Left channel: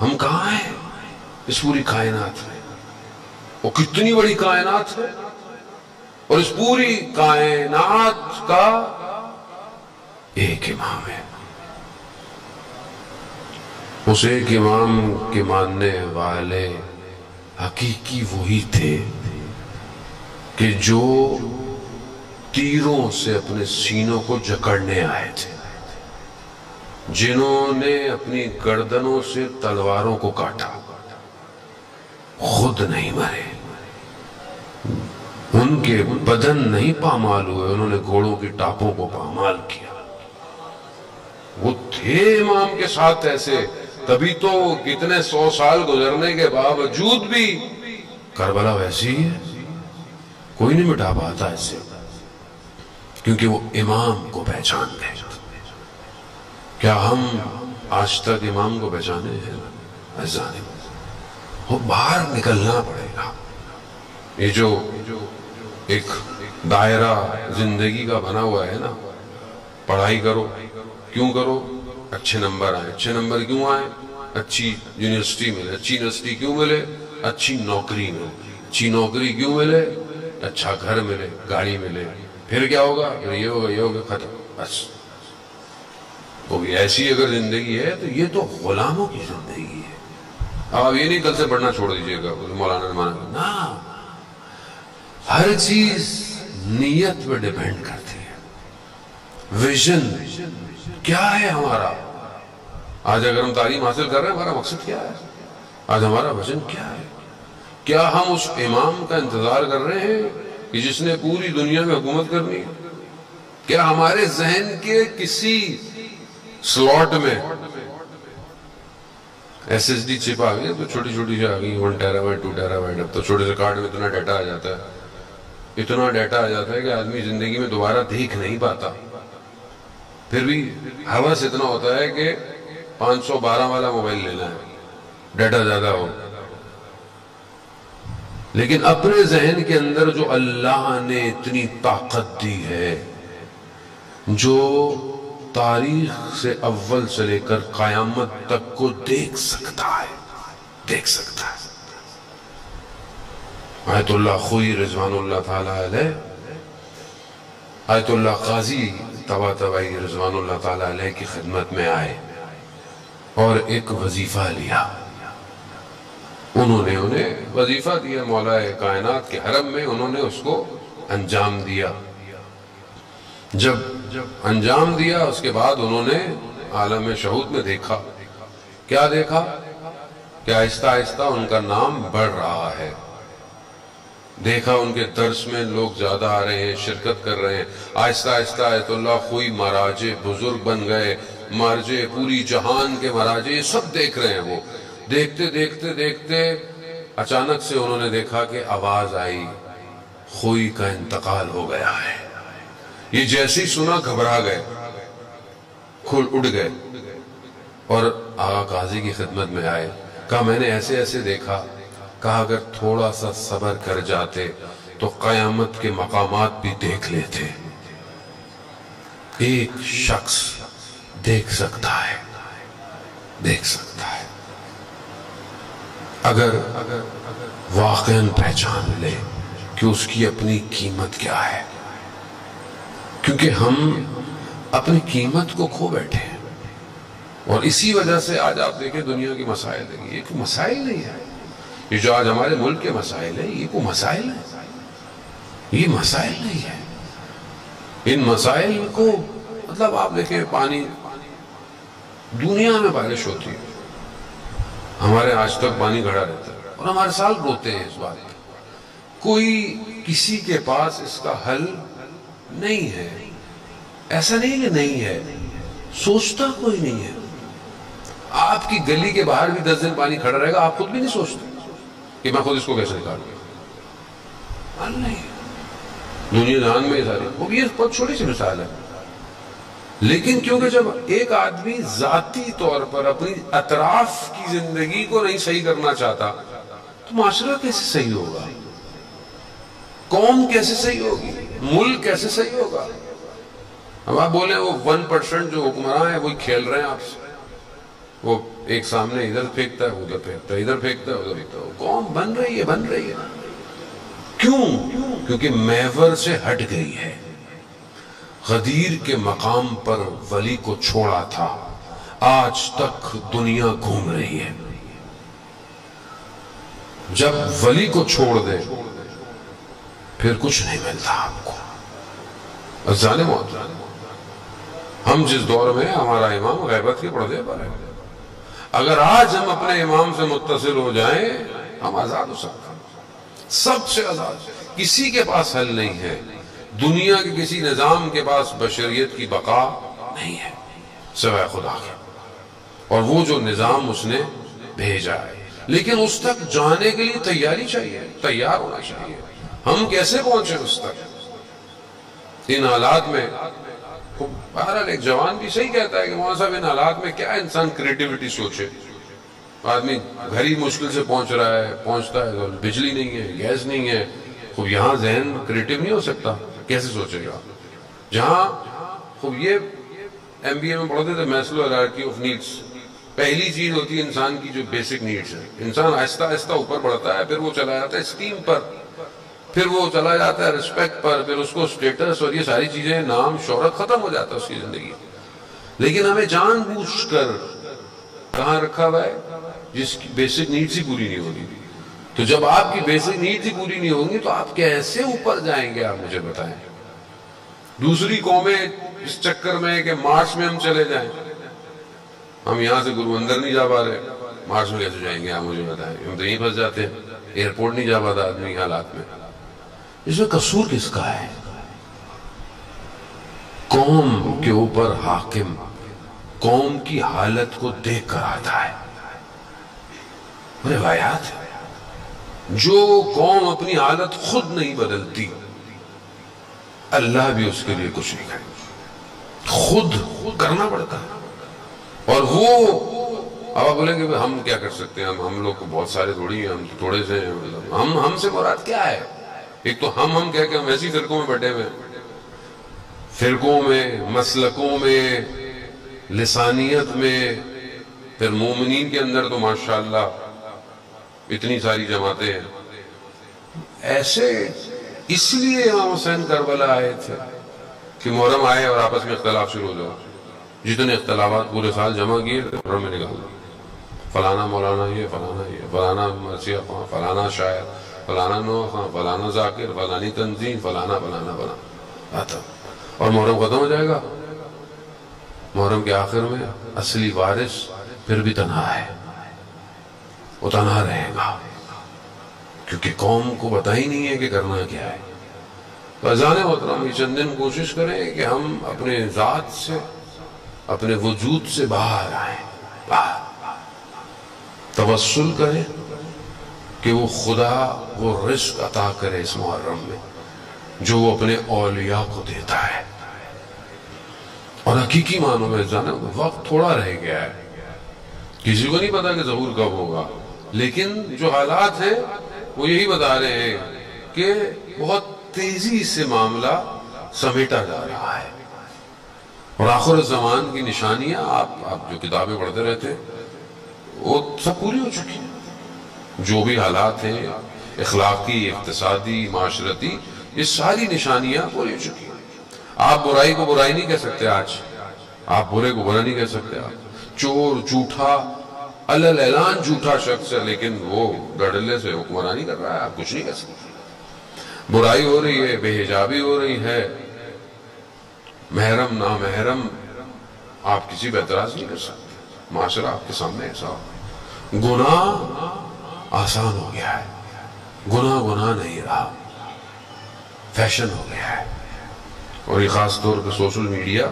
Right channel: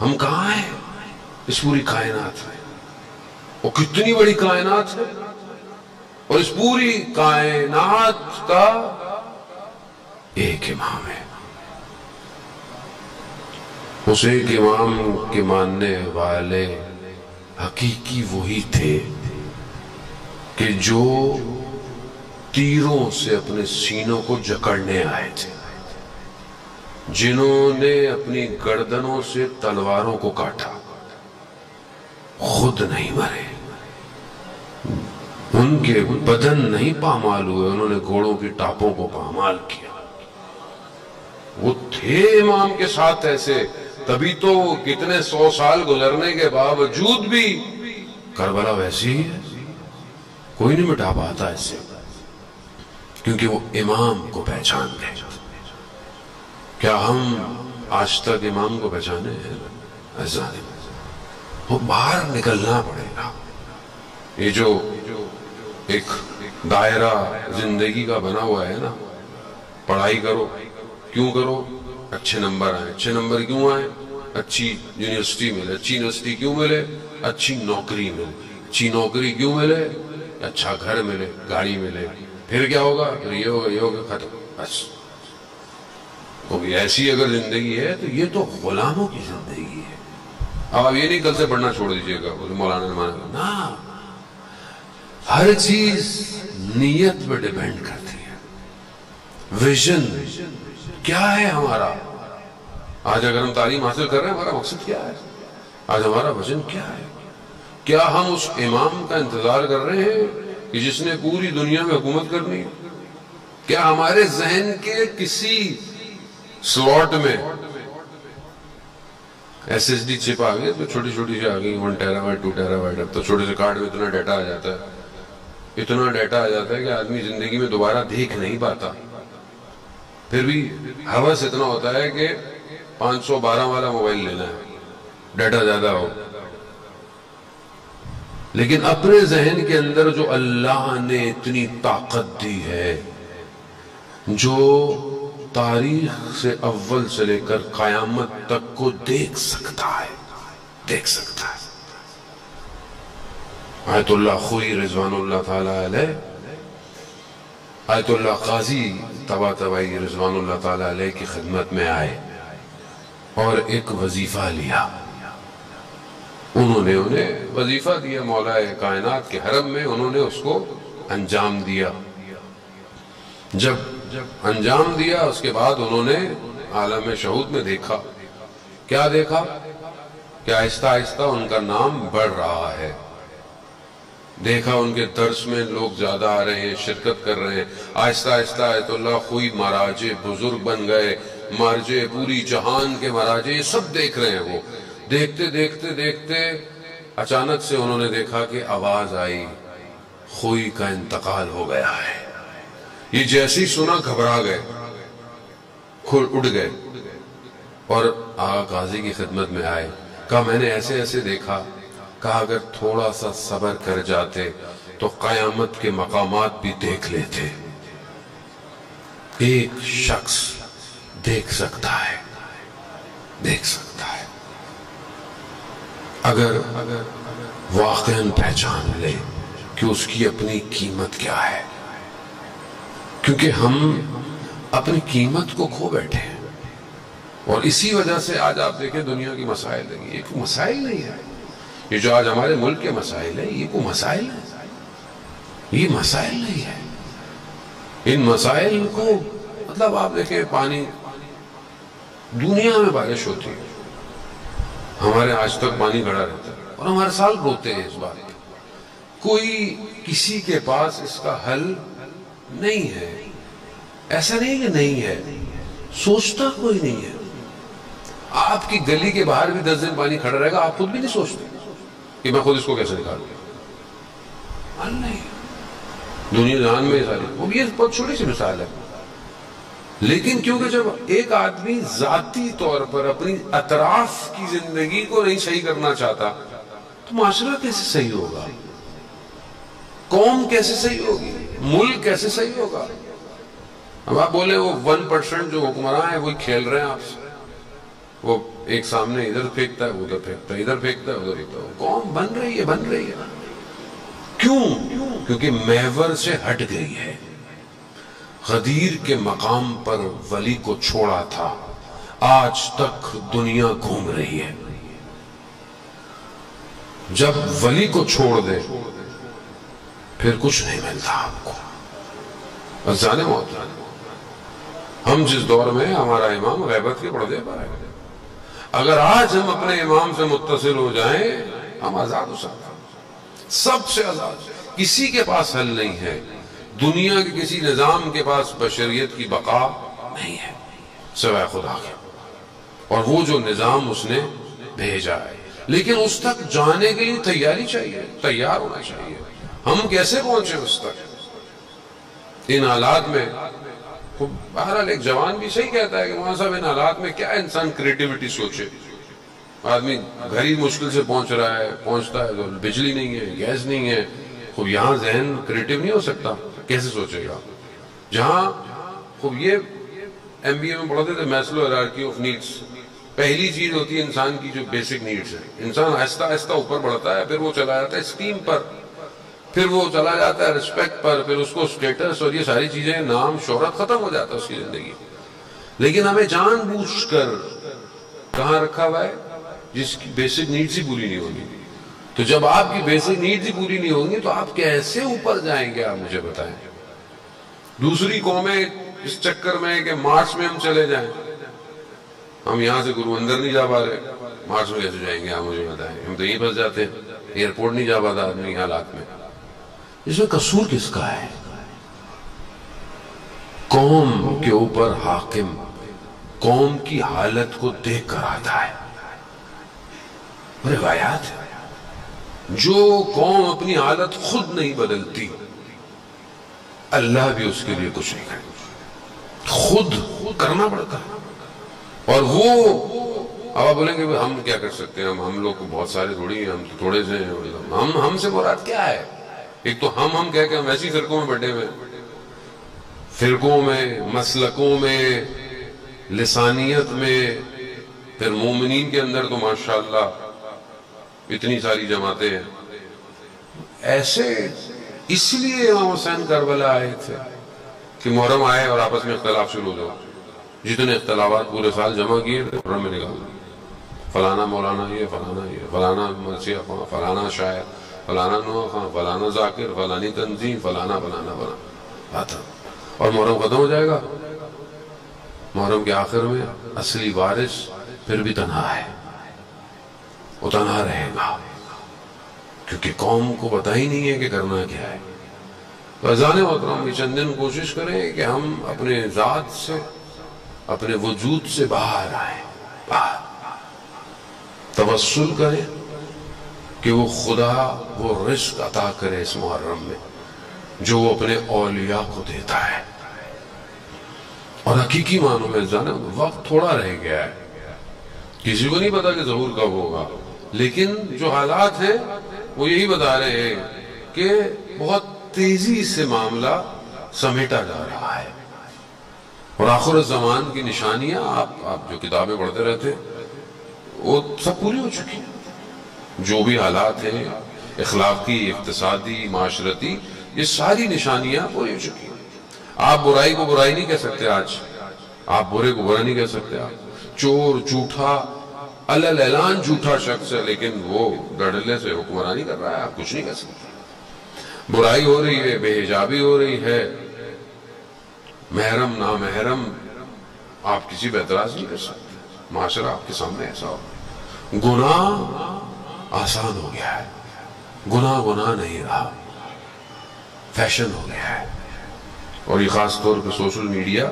ہم کہاں ہیں اس پوری کائنات میں؟ وہ کتنی بڑی کائنات ہے، اور اس پوری کائنات کا ایک امام ہے۔ اس ایک امام کے ماننے والے حقیقی وہی تھے کہ جو تیروں سے اپنے سینوں کو جکڑنے آئے تھے، جنہوں نے اپنی گردنوں سے تلواروں کو کاٹا، خود نہیں مرے، ان کے بدن نہیں پامال ہوئے، انہوں نے گھوڑوں کی ٹاپوں کو پامال کیا۔ وہ تھے امام کے ساتھ ایسے، تبھی تو کتنے 100 سال گزرنے کے باوجود بھی کربلا ویسی ہی ہے، کوئی نہیں مٹا پاتا ایسے، کیونکہ وہ امام کو پہچان گئے۔ کیا ہم آج تک امام کو پہچانے ہیں؟ ایسا نہیں، وہ باہر نکلنا پڑے گا۔ یہ جو ایک دائرہ زندگی کا بنا ہوا ہے نا، پڑھائی کرو، کیوں کرو؟ اچھے نمبر آئے۔ اچھے نمبر کیوں آئے؟ اچھی یونیورسٹی ملے۔ اچھی یونیورسٹی کیوں ملے؟ اچھی نوکری ملے۔ اچھی نوکری کیوں ملے؟ اچھا گھر ملے، گاڑی ملے۔ پھر کیا ہوگا؟ پھر یہ ہوگا، یہ ہوگا، ختم، بس۔ تو ایسی اگر زندگی ہے تو یہ تو غلاموں کی زندگی ہے۔ اب آپ یہ نہیں کل سے پڑھنا چھوڑ دیجئے گا، مولانا نے مانا نا، ہر چیز نیت پہ ڈیپینڈ کرتی ہے۔ ویژن کیا ہے ہمارا؟ آج اگر ہم تعلیم حاصل کر رہے ہیں، ہمارا مقصد کیا ہے؟ آج ہمارا ویژن کیا ہے؟ کیا ہم اس امام کا انتظار کر رہے ہیں کہ جس نے پوری دنیا میں حکومت کرنی؟ کیا ہمارے ذہن کے کسی سلاٹ میں ایس ایس ڈی چپ آ گئی تو چھوٹی چھوٹی سی آ گئی، 1 ٹیرا بائٹ 2 ٹیرا بائٹ، اب تو چھوٹے سے کارڈ میں اتنا ڈیٹا آ جاتا ہے، اتنا ڈیٹا آ جاتا ہے کہ آدمی زندگی میں دوبارہ دیکھ نہیں پاتا۔ پھر بھی ہوس اتنا ہوتا ہے کہ 512 والا موبائل لینا ہے، ڈیٹا زیادہ ہو۔ لیکن اپنے ذہن کے اندر جو اللہ نے اتنی طاقت دی ہے، جو تاریخ سے اول سے لے کر قیامت تک کو دیکھ سکتا ہے، دیکھ سکتا ہے۔ آیت اللہ خوئی رضوان اللہ تعالی علیہ، آیت اللہ قاضی طباطبائی رضوان اللہ تعالی علیہ کی خدمت میں آئے اور ایک وظیفہ لیا۔ انہوں نے انہیں وظیفہ دیا مولا کائنات کے حرم میں، انہوں نے اس کو انجام دیا۔ جب انجام دیا اس کے بعد انہوں نے عالم شہود میں دیکھا، کیا دیکھا؟ کہ آہستہ آہستہ ان کا نام بڑھ رہا ہے۔ دیکھا ان کے درس میں لوگ زیادہ آ رہے ہیں، شرکت کر رہے ہیں، آہستہ آہستہ آیت اللہ خوئی مراجع بزرگ بن گئے، مراجع پوری جہان کے مراجع یہ سب دیکھ رہے ہیں۔ وہ دیکھتے دیکھتے دیکھتے اچانک سے انہوں نے دیکھا کہ آواز آئی، خوئی کا انتقال ہو گیا ہے۔ یہ جیسے ہی سنا گھبرا گئے، کھل اٹھ گئے اور آقا قاضی کی خدمت میں آئے۔ کہا میں نے ایسے ایسے دیکھا، کہا اگر تھوڑا سا صبر کر جاتے تو قیامت کے مقامات بھی دیکھ لیتے۔ ایک شخص دیکھ سکتا ہے، دیکھ سکتا ہے، اگر واقعاً پہچان لے کہ اس کی اپنی قیمت کیا ہے۔ کیونکہ ہم اپنی قیمت کو کھو بیٹھے ہیں، اور اسی وجہ سے آج آپ دیکھیں دنیا کی مسائل ہے، یہ کوئی مسائل نہیں ہے۔ یہ جو آج ہمارے ملک کے مسائل ہیں، یہ کوئی مسائل ہے؟ یہ مسائل نہیں ہے۔ ان مسائل کو مطلب آپ دیکھیں، پانی، دنیا میں بارش ہوتی ہے، ہمارے آج تک پانی کھڑا رہتا ہے اور ہم ہر سال روتے ہیں اس بات پہ۔ کوئی کسی کے پاس اس کا حل نہیں ہے۔ ایسا نہیں کہ نہیں ہے، سوچتا کوئی نہیں ہے۔ آپ کی گلی کے باہر بھی 10 دن پانی کھڑا رہے گا، آپ خود بھی نہیں سوچتے کہ میں خود اس کو کیسے نکالوں گا، حل نہیں۔ دنیا جہان میں ساری، وہ بھی یہ بہت چھوٹی سی مثال ہے، لیکن کیونکہ جب ایک آدمی ذاتی طور پر اپنی اطراف کی زندگی کو نہیں صحیح کرنا چاہتا تو معاشرہ کیسے صحیح ہوگا؟ قوم کیسے صحیح ہوگی؟ ملک کیسے صحیح ہوگا؟ اب آپ بولیں وہ 1% جو حکمراں ہیں وہی کھیل رہے ہیں آپ سے، وہ ایک سامنے ادھر پھینکتا ہے، وہ ادھر پھینکتا ہے، ادھر پھینکتا ہے، ادھر پھینکتا ہے، قوم بن رہی ہے کیوں؟ کیونکہ محور سے ہٹ گئی ہے. غدیر کے مقام پر ولی کو چھوڑا تھا، آج تک دنیا گھوم رہی ہے. جب ولی کو چھوڑ دے پھر کچھ نہیں ملتا آپ کو. ازانے موت، ہم جس دور میں ہمارا امام غیبت کے پردے پر ہے، اگر آج ہم اپنے امام سے متصل ہو جائیں ہم آزاد ہو سکتے ہیں، سب سے آزاد. کسی کے پاس حل نہیں ہے، دنیا کے کسی نظام کے پاس بشریت کی بقا نہیں ہے سوائے خدا کے، اور وہ جو نظام اس نے بھیجا ہے. لیکن اس تک جانے کے لیے تیاری چاہیے، تیار ہونا چاہیے. ہم کیسے پہنچے اس تک ان حالات میں؟ بہرحال ایک جوان بھی صحیح کہتا ہے کہ مولانا صاحب ان حالات میں کیا انسان کریٹیوٹی سوچے. آدمی گھر ہی مشکل سے پہنچتا ہے تو بجلی نہیں ہے، گیس نہیں ہے، خوب یہاں ذہن کریٹیو نہیں ہو سکتا، کیسے سوچے گا؟ جہاں خوب یہ MBA میں پڑھتے تھے میسلو ہیرارکی آف نیڈس، پہلی چیز ہوتی ہے انسان کی جو بیسک نیڈس ہے. انسان آہستہ آہستہ اوپر بڑھتا ہے، پھر وہ چلا جاتا ہے اسٹیم پر، پھر وہ چلا جاتا ہے ریسپیکٹ پر، پھر اس کو اسٹیٹس اور یہ ساری چیزیں، نام شہرت ختم ہو جاتا ہے اس کی زندگی. لیکن ہمیں جان بوجھ کر کہاں رکھا ہوا ہے؟ جس کی بیسک نیڈس ہی پوری نہیں ہوگی. تو جب آپ کی بیسک نیڈس ہی پوری نہیں ہوں گی تو آپ کیسے اوپر جائیں گے؟ آپ مجھے بتائیں. دوسری قومیں اس چکر میں کہ مارچ میں ہم چلے جائیں، ہم یہاں سے گرو اندر نہیں جا پا رہے، مارچ میں کیسے جائیں گے؟ آپ مجھے بتائیں. ہم تو یہیں پھنس جاتے ہیں، ایئرپورٹ نہیں جا پاتا آدمی حالات میں. اس میں قصور کس کا ہے؟ قوم کے اوپر حاکم قوم کی حالت کو دیکھ کر آتا ہے. روایات ہے، جو قوم اپنی حالت خود نہیں بدلتی اللہ بھی اس کے لیے کچھ نہیں کرے، خود کرنا پڑتا ہے. اور وہ اب آپ بولیں گے ہم کیا کر سکتے ہیں؟ ہم لوگ بہت سارے تھوڑی ہیں، ہم تو تھوڑے سے ہیں. ہم سے مراد کیا ہے؟ ایک تو ہم کہہ کے ہم ویسی فرقوں میں بٹے ہوئے، فرقوں میں، مسلکوں میں، لسانیت میں. پھر مومنین کے اندر تو ماشاءاللہ اتنی ساری جماعتیں ہیں. ایسے اس لیے امام حسین کربلا آئے تھے کہ محرم آئے اور آپس میں اختلاف شروع ہو جائے. جتنے اختلافات پورے سال جمع کیے تھے محرم میں نکال دیا. فلانا مولانا یہ، فلانا مرثیہ خواں، فلانا شاعر، فلانا نو خواں، فلانا ذاکر، فلانی تنظیم، فلانا آتا. اور محرم ختم ہو جائے گا. محرم کے آخر میں اصلی وارث پھر بھی تنہا ہے، وہ تنہا رہے گا کیونکہ قوم کو پتہ ہی نہیں ہے کہ کرنا کیا ہے. تو اذان محترم یہ چند دن کوشش کریں کہ ہم اپنے ذات سے، اپنے وجود سے باہر آئیں، باہر توسل کریں کہ وہ خدا وہ رزق عطا کرے اس محرم میں جو وہ اپنے اولیاء کو دیتا ہے. اور حقیقی معنوں میں جانے وقت تھوڑا رہ گیا ہے، کسی کو نہیں پتا کہ ظہور کب ہوگا، لیکن جو حالات ہیں وہ یہی بتا رہے ہیں کہ بہت تیزی سے معاملہ سمیٹا جا رہا ہے. اور آخر الزمان کی نشانیاں آپ جو کتابیں پڑھتے رہتے وہ سب پوری ہو چکی ہیں. جو بھی حالات ہیں اخلاقی، اقتصادی، معاشرتی، یہ ساری نشانیاں پوری ہو چکی ہیں. آپ برائی کو برائی نہیں کہہ سکتے آج، آپ برے کو برا نہیں کہہ سکتے. آپ چور، جھوٹا، علل اعلان جھوٹا شخص ہے لیکن وہ دھڑلے سے حکمرانی کر رہا ہے، آپ کچھ نہیں کہہ سکتے. برائی ہو رہی ہے، بے حجابی ہو رہی ہے، محرم نامحرم، آپ کسی پہ اعتراض نہیں کر سکتے. معاشرہ آپ کے سامنے ایسا ہو. گناہ آسان ہو گیا ہے، گناہ نہیں رہا، فیشن ہو گیا ہے. اور یہ خاص طور پہ سوشل میڈیا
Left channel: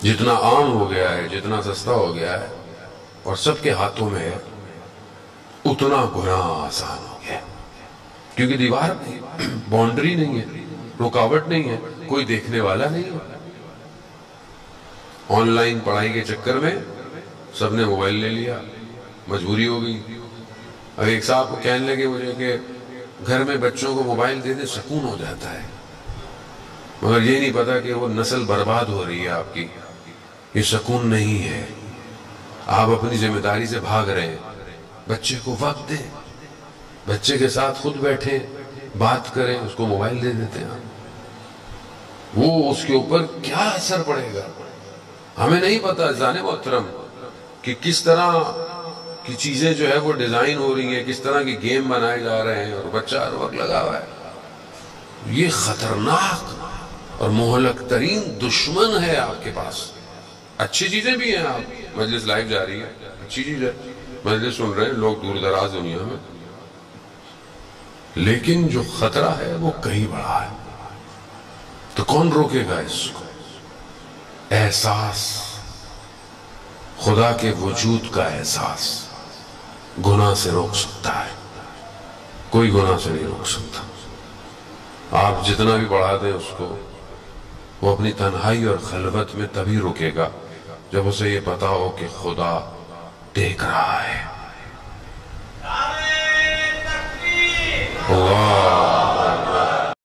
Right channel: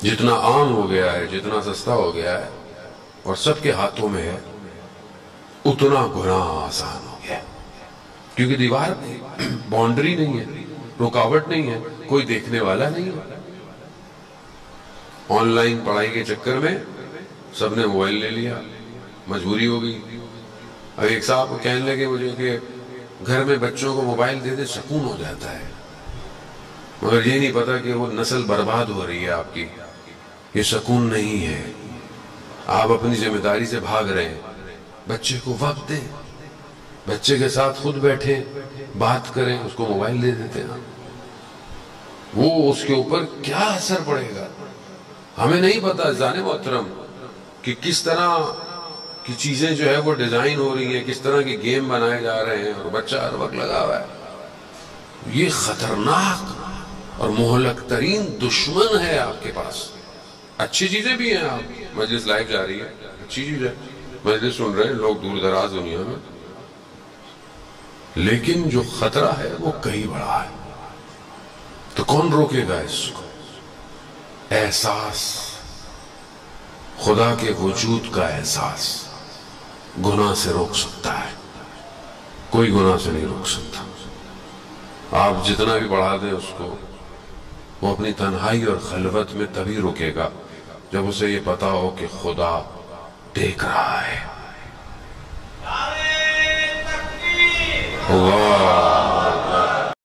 جتنا عام ہو گیا ہے، جتنا سستا ہو گیا ہے اور سب کے ہاتھوں میں ہے، اتنا گناہ آسان ہو گیا. کیونکہ دیوار نہیں، باؤنڈری نہیں ہے، رکاوٹ نہیں ہے، کوئی دیکھنے والا نہیں ہے. آن لائن پڑھائی کے چکر میں سب نے موبائل لے لیا، مجبوری ہو گئی. اب ایک صاحب کو کہنے لگے مجھے کہ گھر میں بچوں کو موبائل دے دے سکون ہو جاتا ہے، مگر یہ نہیں پتا کہ وہ نسل برباد ہو رہی ہے آپ کی. یہ سکون نہیں ہے، آپ اپنی ذمہ داری سے بھاگ رہے ہیں، بچے کو وقت دیں، بچے کے ساتھ خود بیٹھیں، بات کریں، اس کو موبائل دے دیتے ہیں، وہ اس کے اوپر کیا اثر پڑے گا ہمیں نہیں پتا جانے محترم کہ کس طرح کی چیزیں جو ہے وہ ڈیزائن ہو رہی ہیں، کس طرح کی گیم بنائے جا رہے ہیں، اور بچہ ہر وقت لگا ہوا ہے۔ یہ خطرناک اور مہلک ترین دشمن ہے آپ کے پاس۔ اچھی چیزیں بھی ہیں، آپ مجلس لائیو جا رہی ہے، اچھی چیز ہے، مجلس سن رہے ہیں لوگ دور دراز دنیا میں، لیکن جو خطرہ ہے وہ کہیں بڑا ہے۔ تو کون روکے گا اس کو؟ احساس، خدا کے وجود کا احساس گناہ سے روک سکتا ہے، کوئی گناہ سے نہیں روک سکتا۔ آپ جتنا بھی بڑھا دیں اس کو، وہ اپنی تنہائی اور خلوت میں تبھی رکے گا جب اسے یہ پتا ہو کہ خدا دیکھ رہا ہے۔ اللہ